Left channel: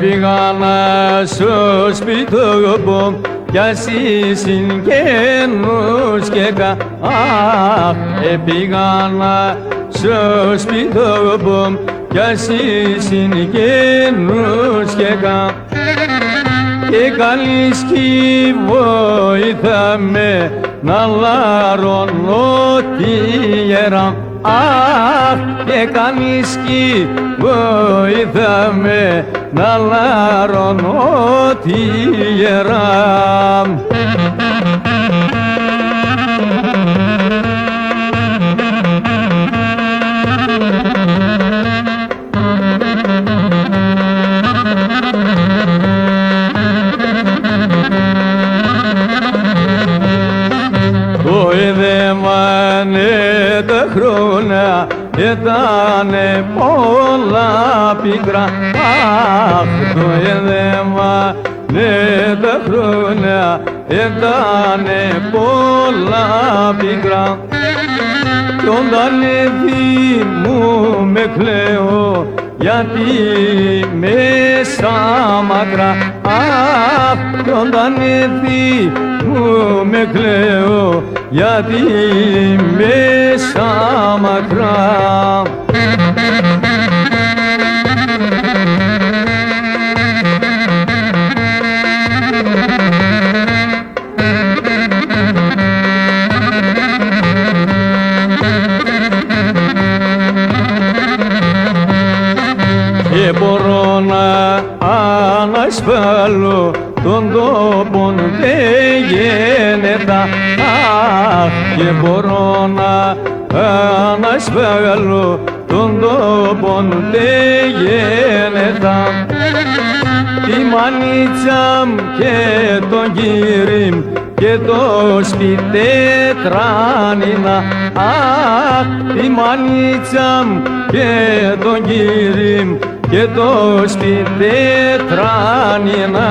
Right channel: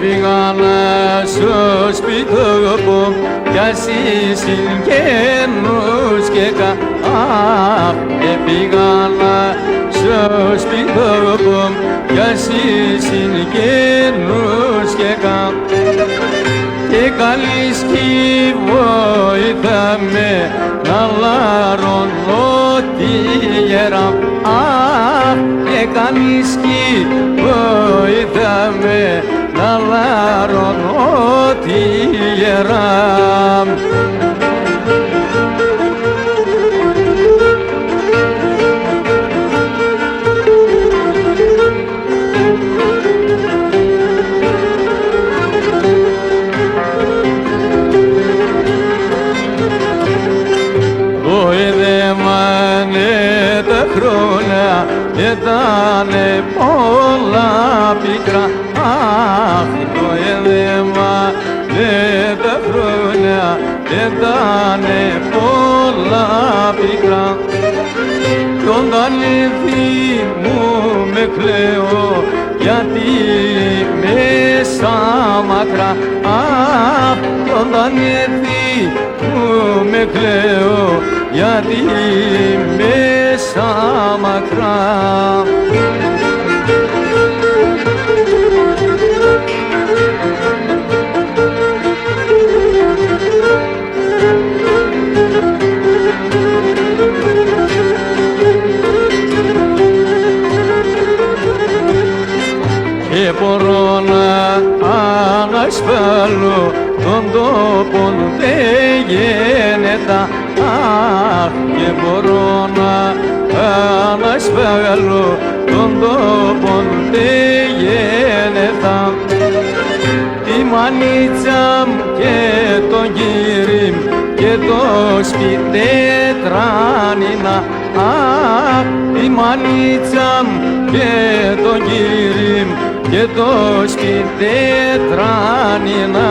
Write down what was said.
Έφυγα στο σπίτι μου κι εσύ συγγενούς και έφυγα στο σπίτι μου κι εσύ συγγενούς και καλής κι βοήθα με να λαρώνω τη γερά. Και καλής κι βοήθα με να λαρώνω τη γερά. Τα χρόνια ήτανε πολλά πικρά. Το εδέμανε τα χρόνια ήτανε πολλά πικρά. Κι όταν λεφί μου με κλαίω γιατί μέσα μακρά. Κι όταν λεφί μου με κλαίω γιατί μέσα μακρά. Μπορώ να ανασφάλω τον τόπο δεν γίνεται. Και μπορώ να ανασφάλω τον τόπο δεν γίνεται. Τη μανίτσα μου και τον κύρι μου και το στη τετράνινα. Τη μανίτσα μου και τον κύρι μου και το στη τετράνινα.